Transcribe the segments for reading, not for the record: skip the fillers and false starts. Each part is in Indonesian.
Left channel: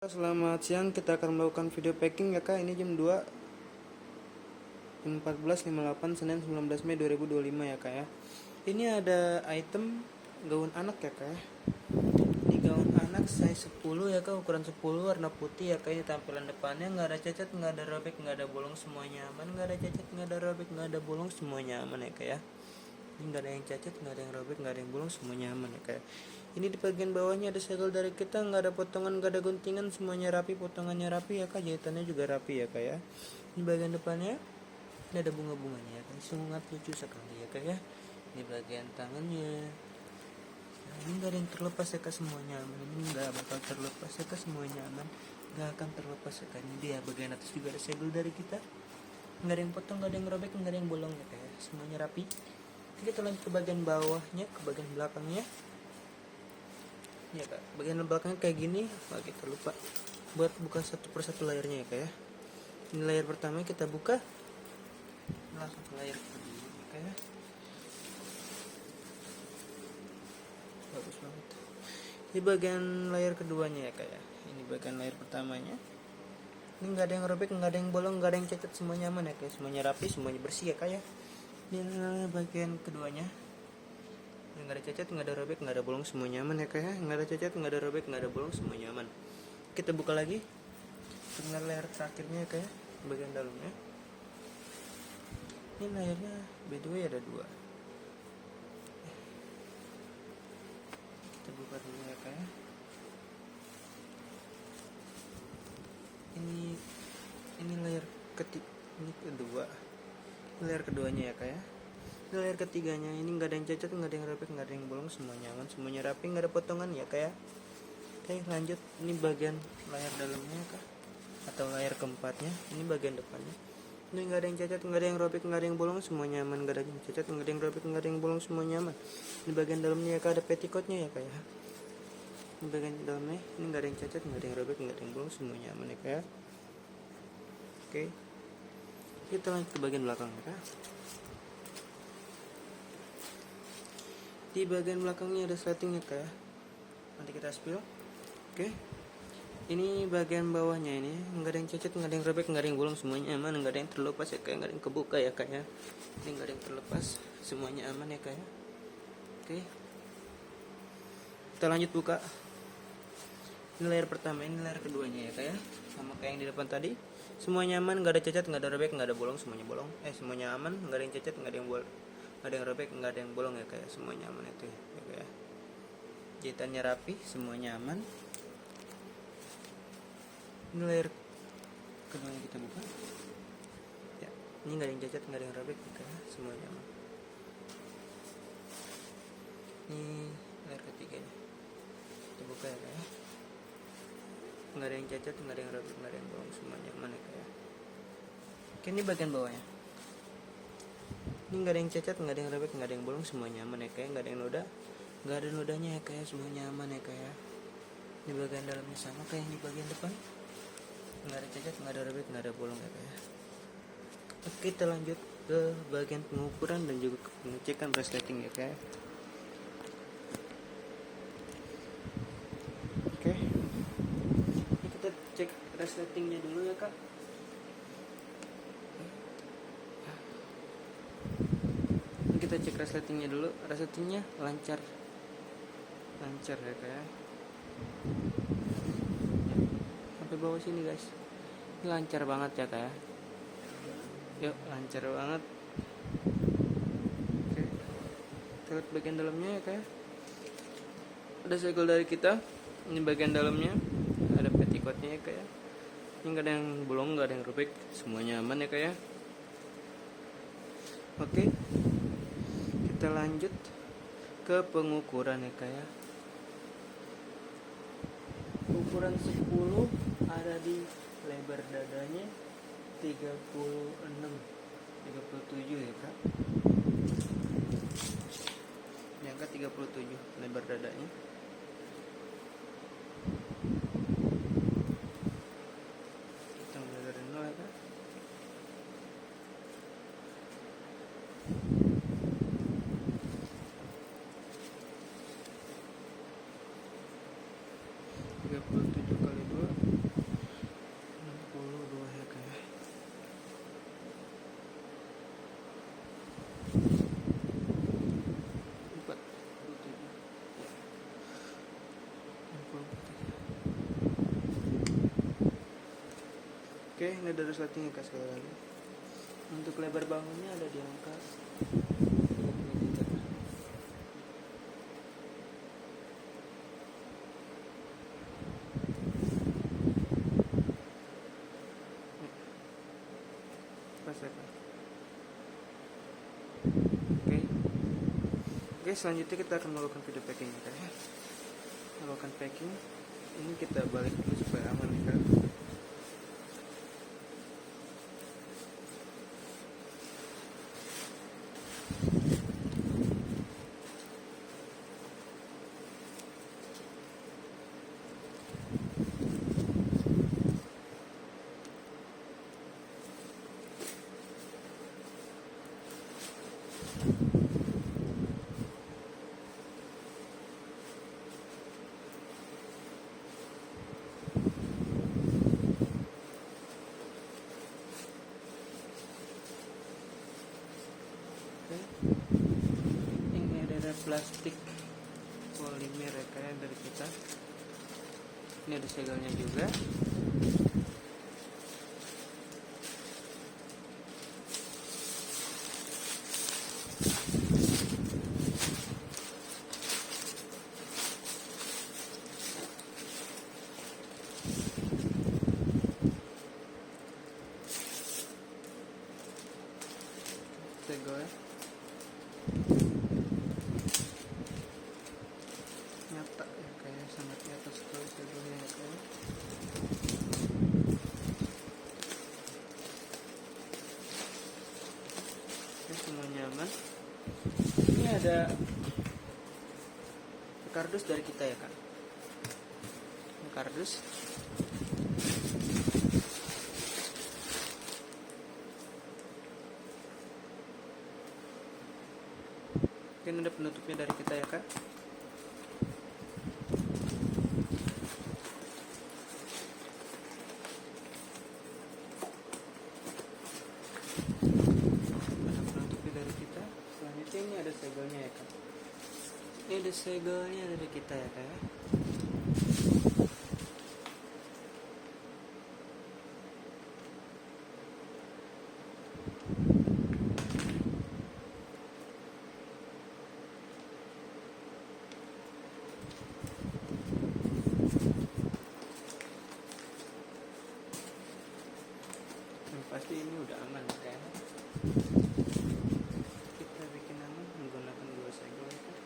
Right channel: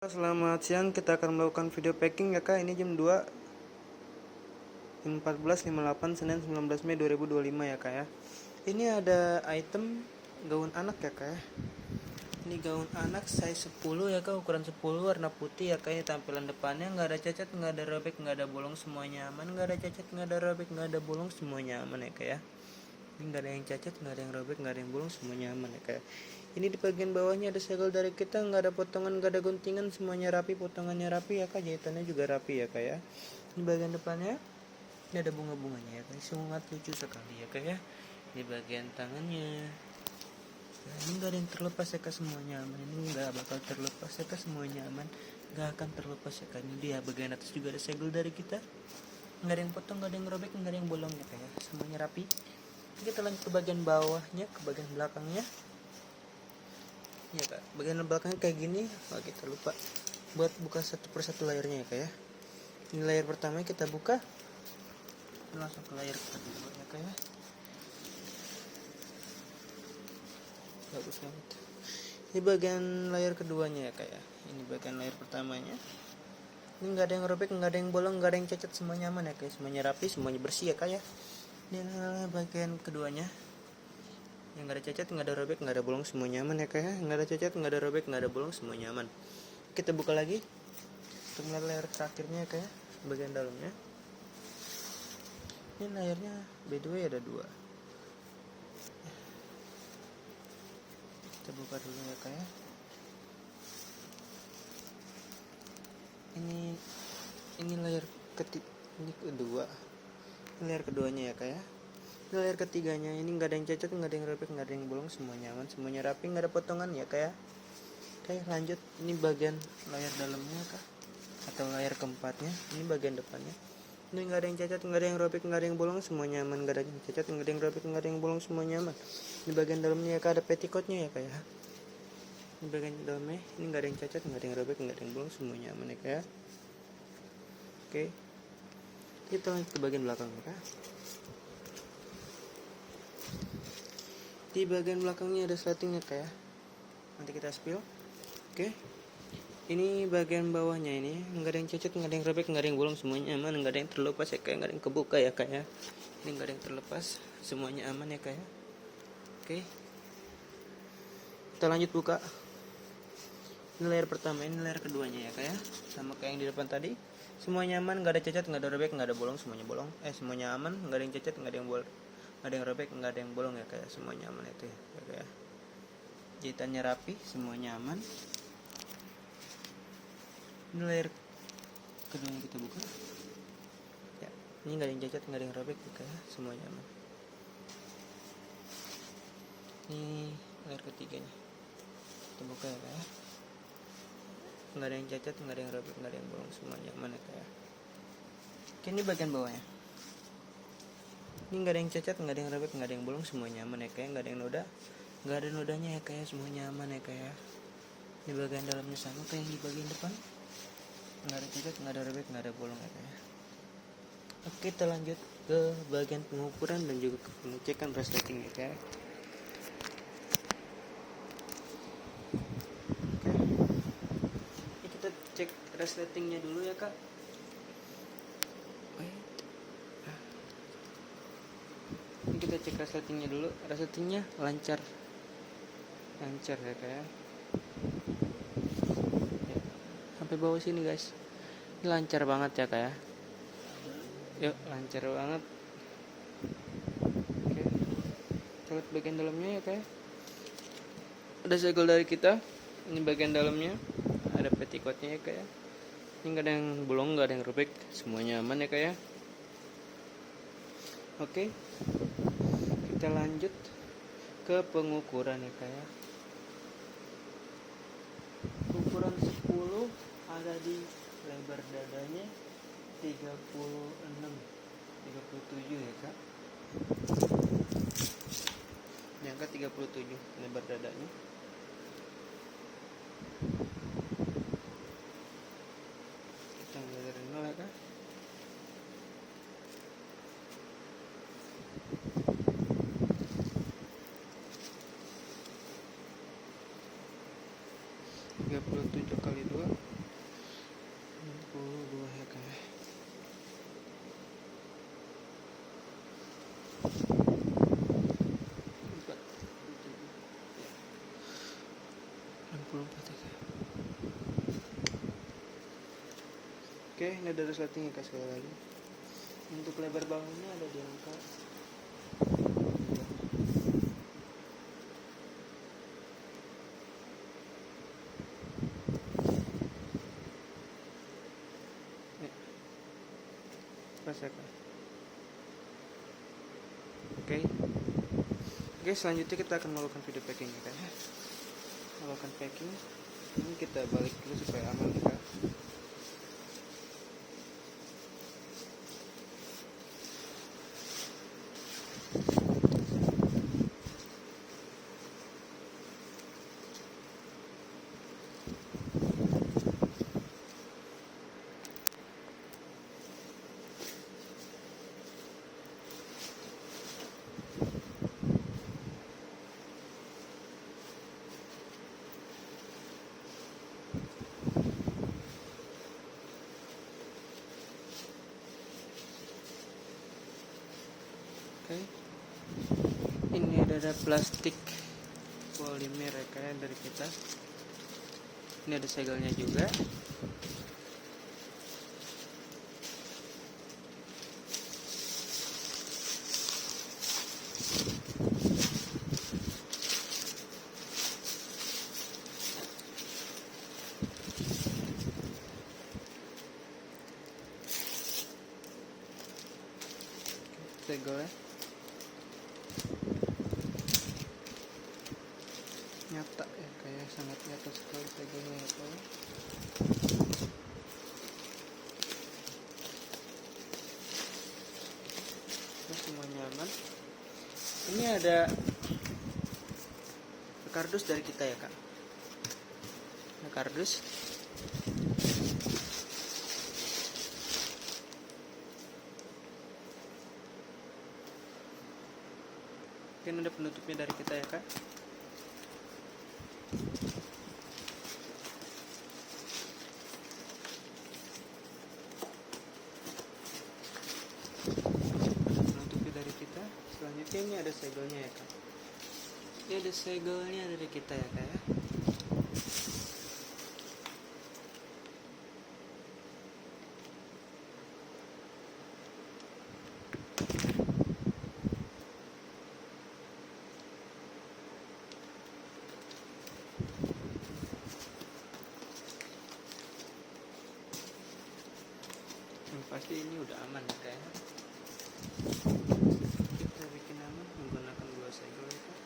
Selamat siang, kita akan melakukan video packing ya kak. Ini jam 2 jam 14.58 Senin 19 Mei 2025 ya kak ya. Ini ada item gaun anak ya kak ya. Ini gaun anak size 10 ya kak, ukuran 10, warna putih ya kak. Ini tampilan depannya nggak ada cacat, nggak ada robek, nggak ada bolong, semuanya aman. Nggak ada cacat, nggak ada robek, nggak ada bolong, semuanya aman ya kak ya. Ini nggak ada yang cacat, nggak ada yang robek, nggak ada yang bolong, semuanya aman ya kayak. Ini di bagian bawahnya ada segel dari kita, nggak ada potongan, nggak ada guntingan, semuanya rapi, potongannya rapi ya kak, jahitannya juga rapi ya kak ya. Ini bagian depannya, ini ada bunga-bunganya ya kak, sangat lucu sekali ya kak ya. Ini bagian tangannya, ini nggak ada yang terlepas ya kak, semuanya aman. Ini nggak bakal terlepas ya kak, semuanya aman, nggak akan terlepas ya kak. Ini dia bagian atas juga ada segel dari kita, nggak ada yang potong, nggak ada yang robek, nggak ada yang bolong ya kak ya, semuanya rapi. Kita lanjut ke bagian bawahnya, ke bagian belakangnya ya kak. Bagian belakangnya kayak gini. Kita lupa buat buka satu persatu layarnya ya kak ya. Ini layar pertama kita buka, langsung ke layar kedua ya kak ya. Bagus banget. Ini bagian layar keduanya ya kak ya. Ini bagian layar pertamanya. Ini nggak ada yang robek, nggak ada yang bolong, nggak ada yang cacat, semuanya aman ya kak. Semuanya rapi, semuanya bersih ya kak ya. Ini bagian keduanya, yang nggak ada cacat, nggak ada robek, nggak ada bolong, semuanya aman ya kak ya. Nggak ada cacat, nggak ada robek, nggak ada bolong, semuanya aman. Kita buka lagi untuk layar terakhirnya ya kak ya, bagian dalamnya. Ini layarnya by the way ada dua. Kita buka dulu ya kak ya. Ini layar ini kedua. Layar keduanya ya kak ya. Ini layar ketiganya, ini nggak ada yang cacat, nggak ada yang robek, nggak ada yang bolong, semuanya aman, semuanya rapi, nggak ada potongan ya kak ya. Oke lanjut, ini bagian layar dalamnya kak, atau layar keempatnya. Ini bagian depannya, ini nggak ada yang cacat, nggak ada yang robek, nggak ada yang bolong, semuanya aman. Nggak ada yang cacat, nggak ada yang robek, nggak ada yang bolong, semuanya aman. Ini bagian dalamnya ya kak, ada petticoatnya ya kak ya. Ini bagian dalamnya, ini nggak ada yang cacat, nggak ada yang robek, nggak ada yang bolong, semuanya aman ya kak ya. Oke, kita lanjut ke bagian belakang ya kak. Di bagian belakangnya ada sleting ya kak ya. Nanti kita spill. Oke. Ini bagian bawahnya, ini nggak ada yang cacat, nggak ada yang robek, nggak ada yang bolong, semuanya aman. Nggak ada yang terlepas ya kak, nggak ada yang kebuka ya kak ya. Ini nggak ada yang terlepas, semuanya aman ya kak ya. Oke. Kita lanjut buka. Ini layar pertama, ini layar keduanya ya kak ya. Sama kayak yang di depan tadi. Semuanya aman, nggak ada cacat, nggak ada robek, nggak ada bolong, semuanya bolong. Semuanya aman, nggak ada yang cacat, nggak ada yang bolong, nggak ada yang robek, nggak ada yang bolong ya kayak. Semuanya aman itu ya kayak. Jahitannya rapi, semuanya aman. Ini layar kedua yang kita buka ya. Ini nggak ada yang cacat, nggak ada yang robek ya kayak. Semuanya aman. Ini layar ketiganya kita buka ya kayak. Nggak ada yang cacat, nggak ada yang robek, nggak ada yang bolong, semuanya aman ya kayak. Oke, ini bagian bawahnya. Ini nggak ada yang cacat, nggak ada yang robek, nggak ada yang bolong, semuanya aman ya kayak. Nggak ada yang noda, nggak ada nodanya ya kayak. Semuanya aman ya kayak. Di bagian dalamnya sama kayak yang di bagian depan, nggak ada cacat, nggak ada robek, nggak ada bolong ya kayak. Oke, kita lanjut ke bagian pengukuran dan juga ke pengecekan resleting ya kayak. Oke, ini kita cek resletingnya dulu ya kak. Kita cek resletingnya dulu. Resletingnya lancar ya kayak. Sampai bawah sini guys, ini lancar banget ya kayak. Yuk, lancar banget. Oke. Kita lihat bagian dalamnya ya kayak. Ada segel dari kita. Ini bagian dalamnya, ada petticoatnya ya kayak. Ini nggak ada yang bolong, nggak ada yang robek, semuanya aman ya kayak. Oke, kita lanjut ke pengukuran ya kayak. Ukuran 10 ada di lebar dadanya 37 ya kak. Yang ke 37 lebar dadanya. Kita mulai dari nol ya kak. Tiga puluh tujuh kali 2 Oke, ini ada resletingnya kak sekali lagi. Untuk lebar bahunya ada di angka 4 ya kak. Oke, selanjutnya kita akan melakukan video packing ya kak. Melakukan packing, ini kita balik dulu supaya aman kak. Ini ada plastik polymer kalian dari kita. Ini ada segelnya juga. Segel nyata ya, kayak sangat nyata sekali segelnya ya kayak. Oke, semua nyaman. Ini ada kardus dari kita ya kak. Ini kardus. Mungkin ada penutupnya dari kita ya kak. Ada penutupnya dari kita. Selanjutnya ini ada segelnya ya kak. Ini ada segelnya dari kita ya kak ya. Pasti ini udah aman ya kak. Kita bikin aman menggunakan 2 segel ya kak.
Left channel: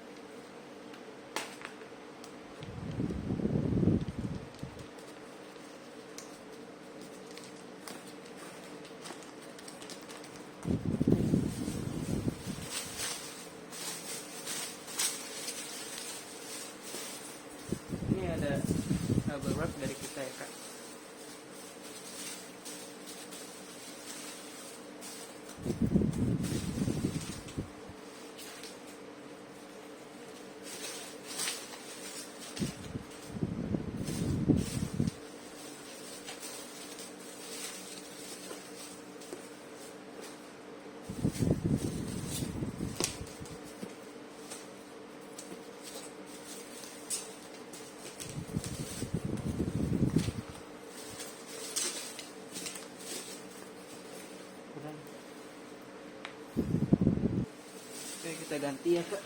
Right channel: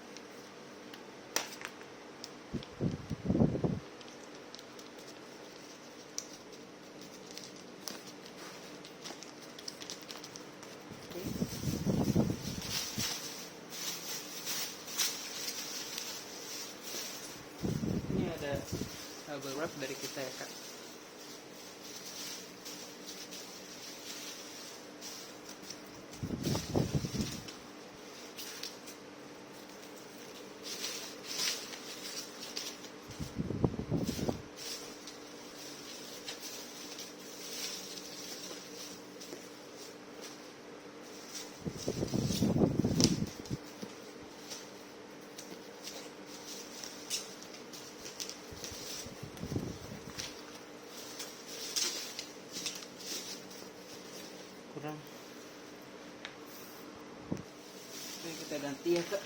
Ini ada bubble wrap dari kita ya kak. Kurang. Oke, kita ganti ya kak.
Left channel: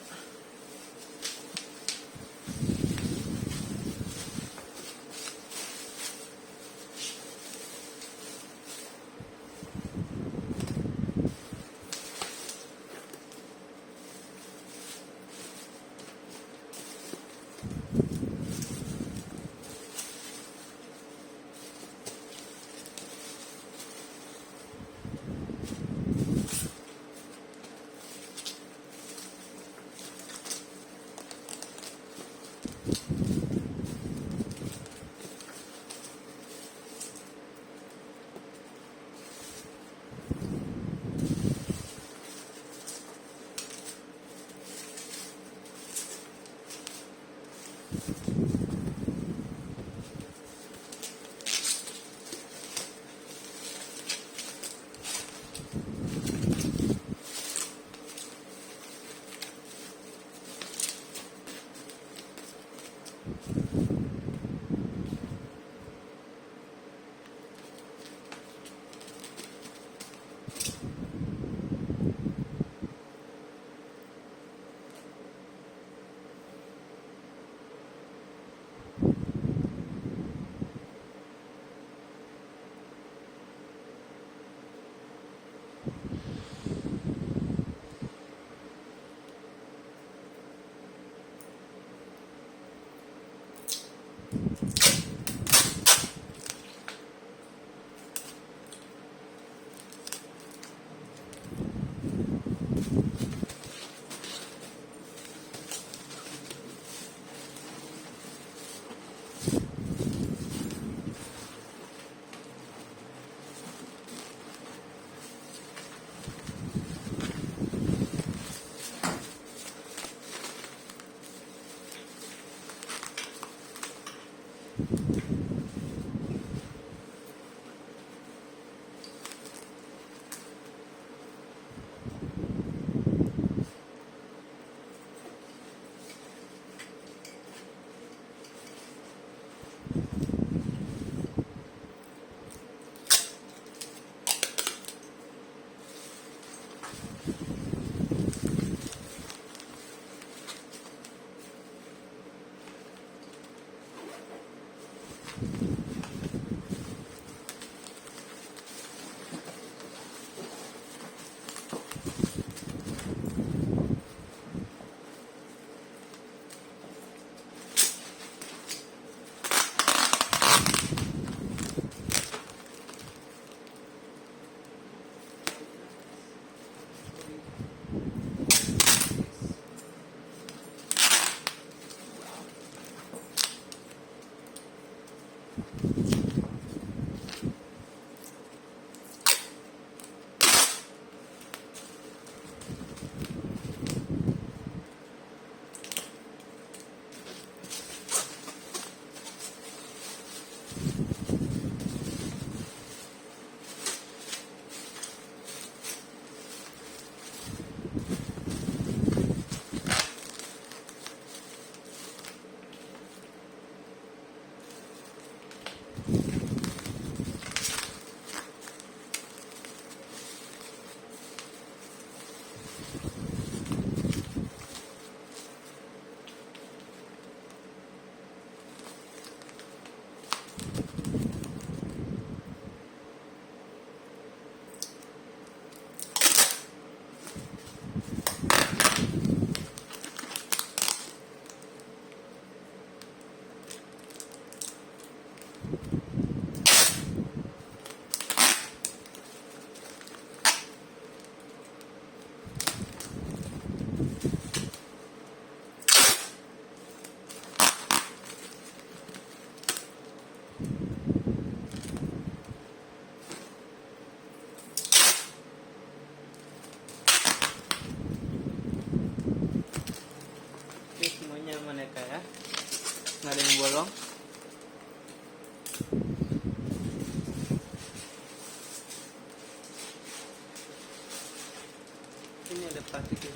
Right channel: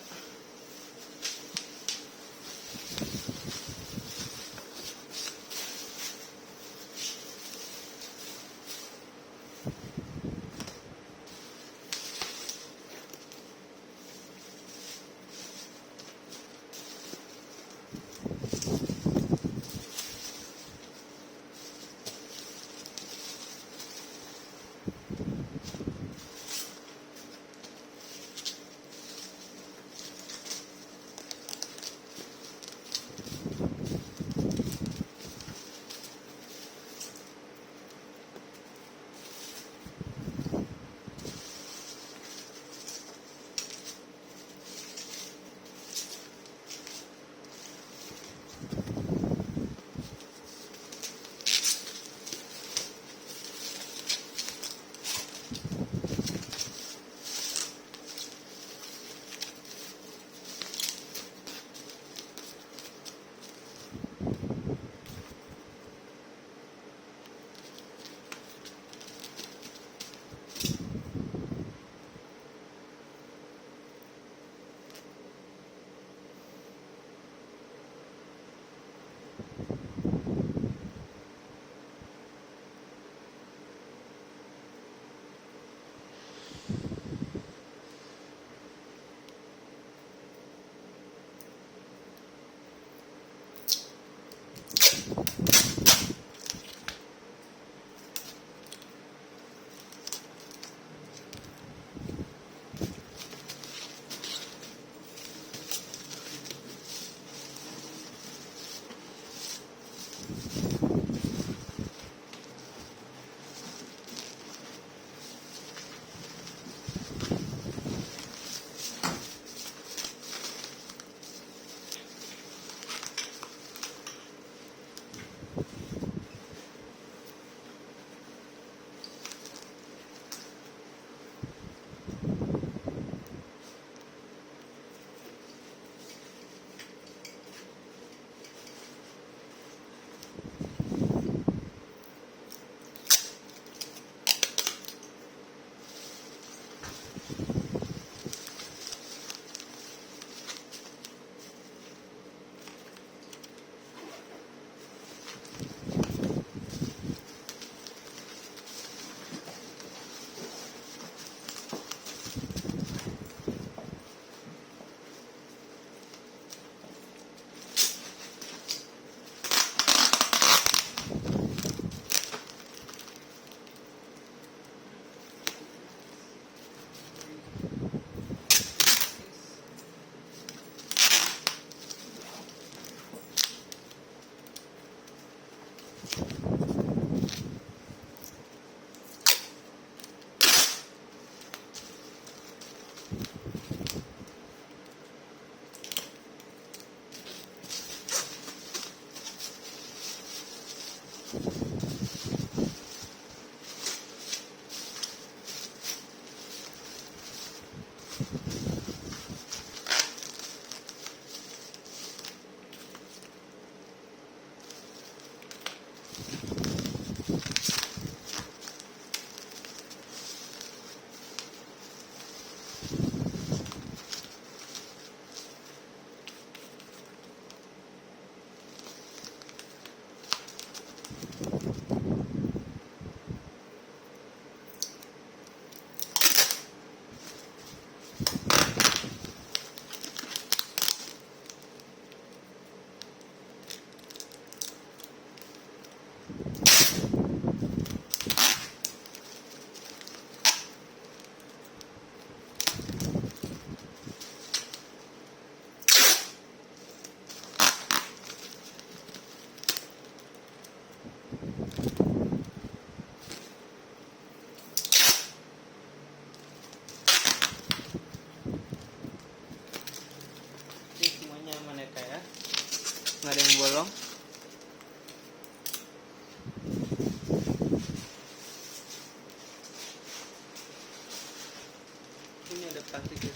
plastiknya.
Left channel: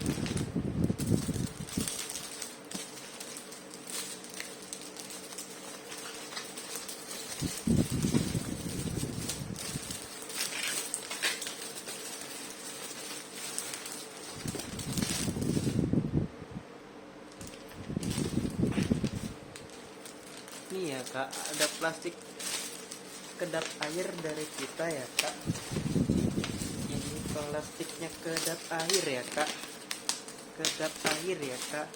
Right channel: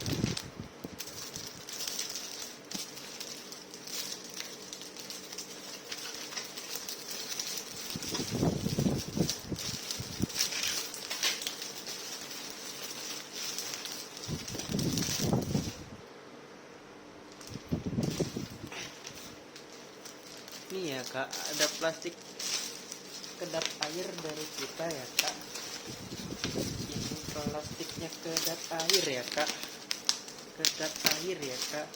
Nih ya kak, ada plastik kedap air dari kita ya kak. Ini plastiknya kedap air ya kak, kedap air ya kak.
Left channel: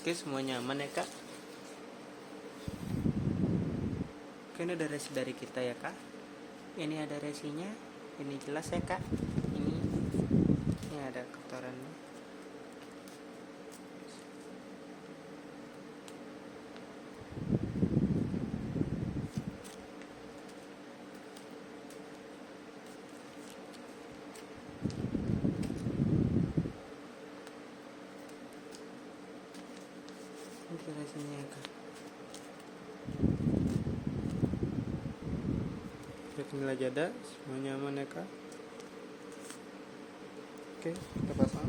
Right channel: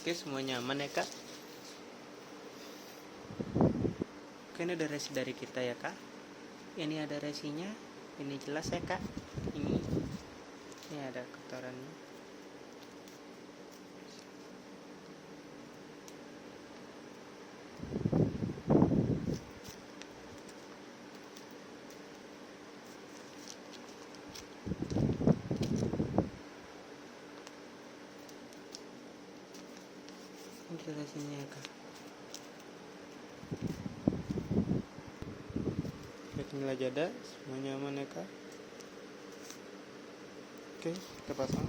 Oke, semua nyaman ya kak. Oke, ini ada resi dari kita ya kak. Ini ada resinya, ini jelas ya kak. Ini ada kotorannya. Ini resinya ya kak. Inilah jada, semuanya aman ya kak. Oke, kita pasang.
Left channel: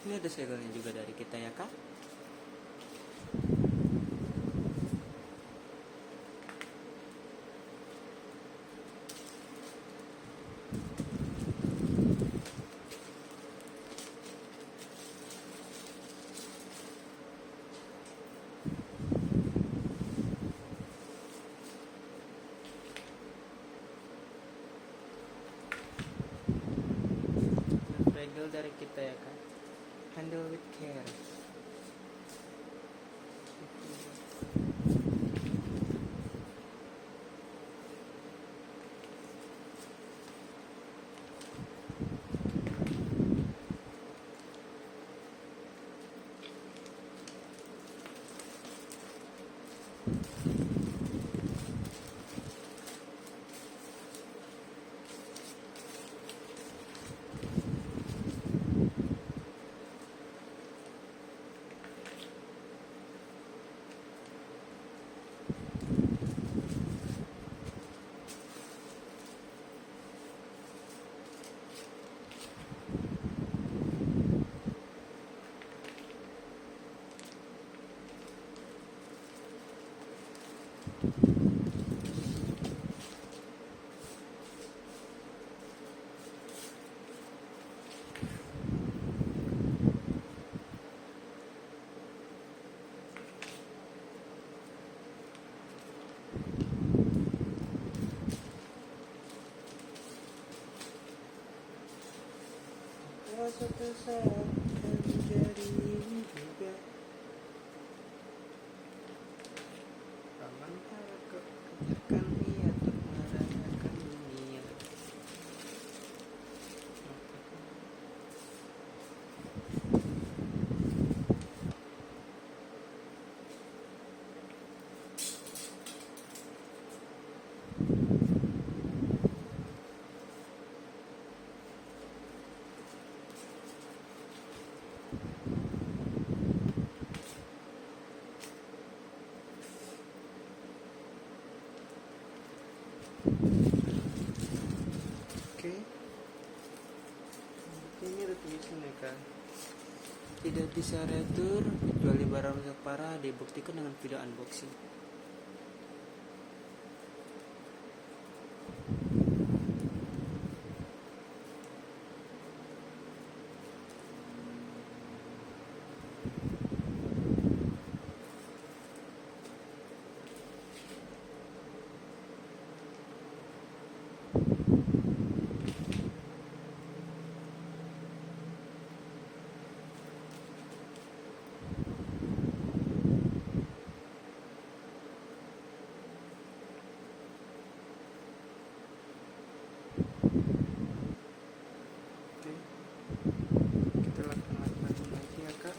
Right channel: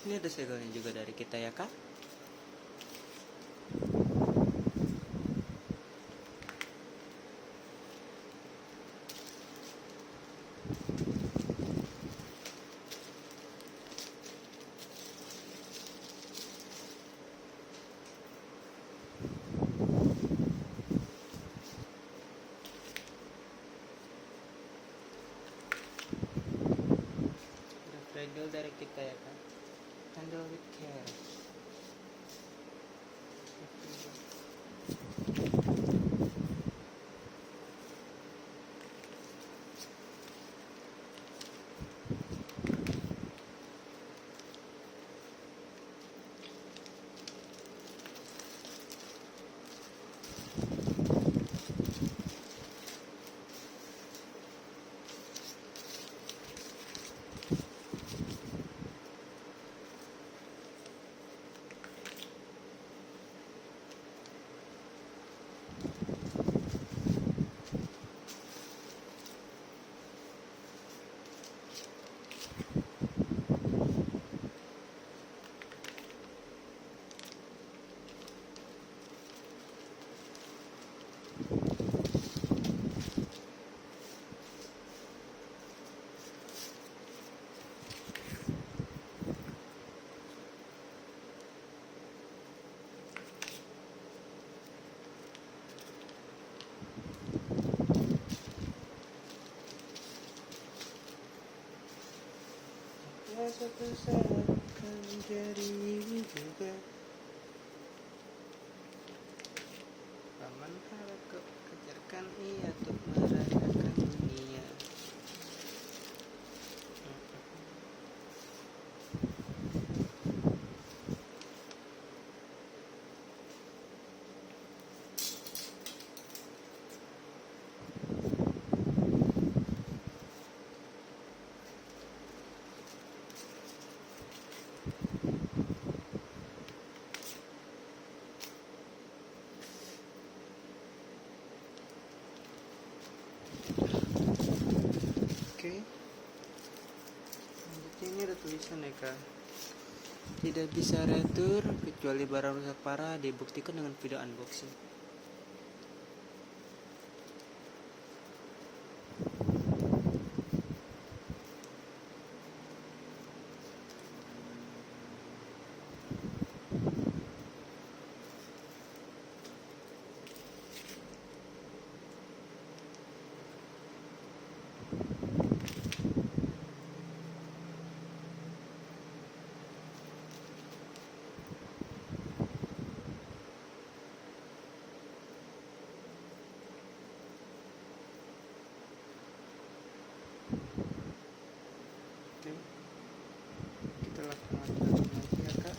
Ini ada segelnya juga dari kita ya kak. handle dari kita ya kan, handle with care. Suatu saat akan jadi juga paman harap kejarkan ia untuk merasakan dunia. Oke, ini ada tulisan ya kan, tidak bisa retur kecuali barang rusak parah, dibuktikan dengan video unboxing. Oke, kita lakukan lagi ya kak.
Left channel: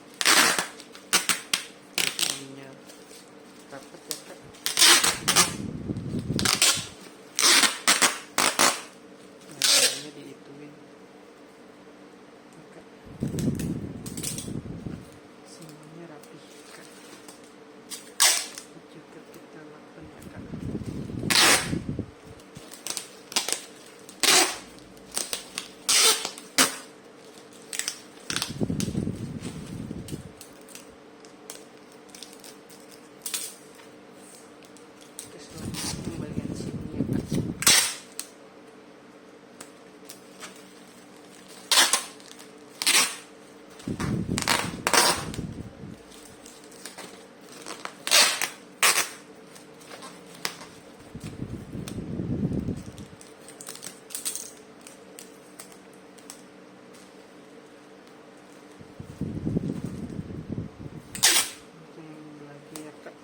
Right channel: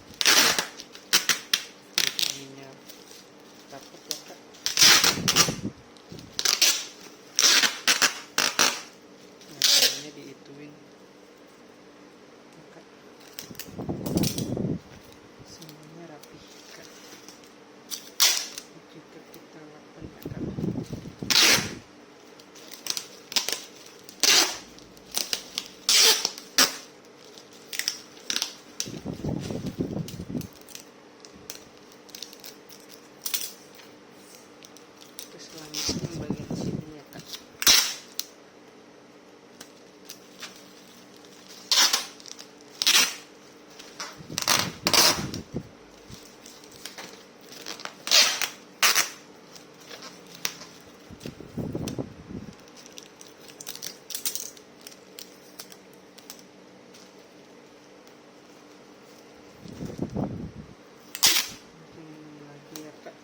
Ininya rapat ya kak. Nah, caranya diituin ya kak. Semuanya rapi kak. Juga kita lakukan ya kak. Yang bagian sini ya kak. Ini lagi ya kak.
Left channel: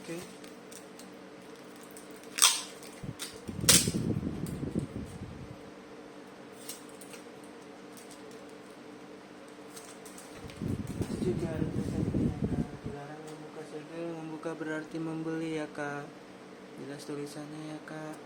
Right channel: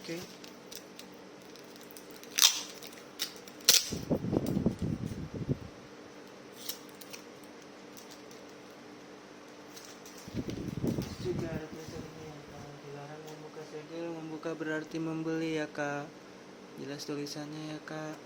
Oke. Juga ada tulisannya ya kak, dilarang membuka segel, membuka berarti membeli ya kak, jelas tulisannya ya kak.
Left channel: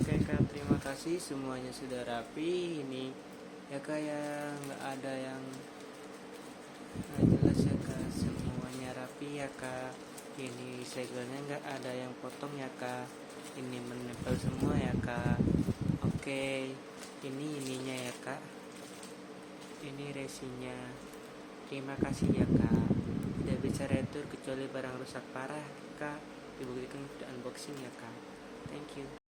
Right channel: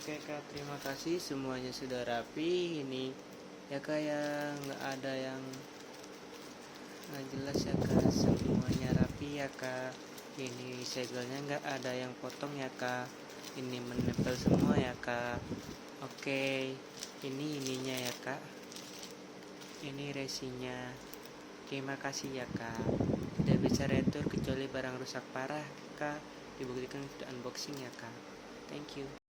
Oke kak, terima kasih semuanya sudah rapi. Ini ya kak ya, nggak ada yang nggak jelas ya kak, semuanya rapi ya kak. Ini segelnya nggak ada yang potong ya kak, ini menempel semua ya kak. Oke, ini ininya ya kak, ini resinya. Terima kasih ya kak, tidak bisa retur kecuali barang rusak parah kak, dibuktikan di unboxing ya kak. Thank you.